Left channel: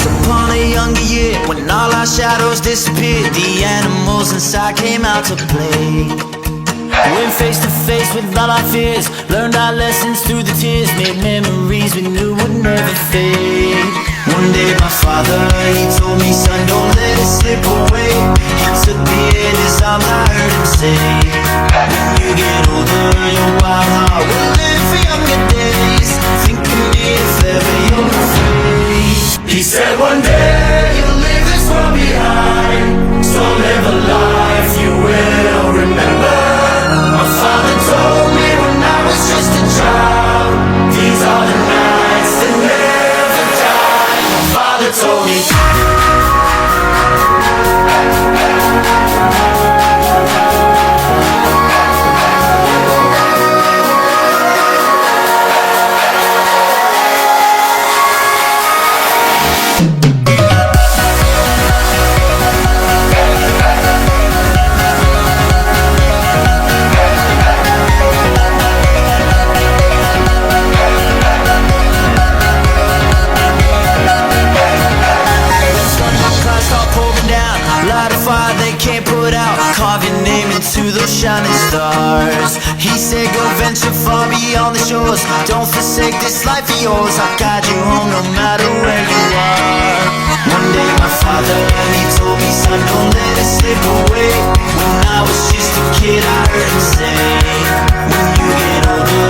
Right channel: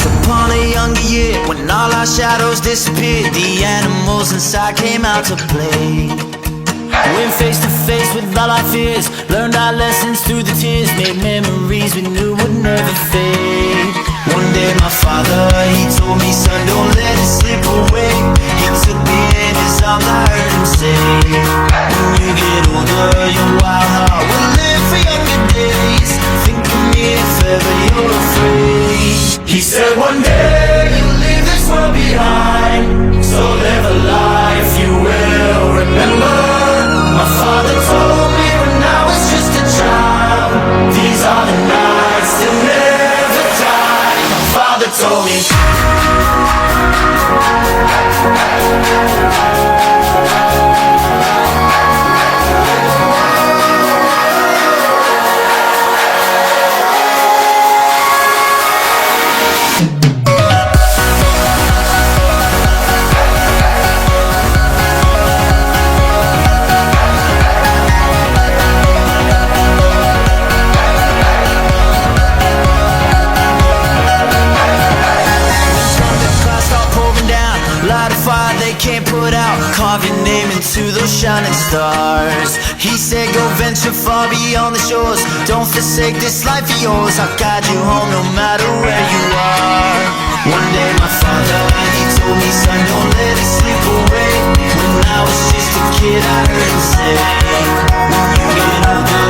Once upon a younger year, when all our shadows disappeared, the animals inside came out to play. Went face to face with all our fears, learned our lessons through the tears, made memories we knew would never fade. One day my father, he told me, son, don't let it slip away. He took me in his arms, I heard him say, when you get older, your wild heart will live for younger days. Think of me if ever you're afraid. He said one day you'll leave this world behind, so live a life you will remember. My father told me when I was just a child, these are the nights that never die. My father told me. Light a fire they can't put out, carve your name into those shining stars. He said go venture far beyond the shores, don't forsake this life of yours. I'll guide you home no matter where you are. One day my father, he told me, son, don't let it slip away. When I was just a kid I heard him say, when you get older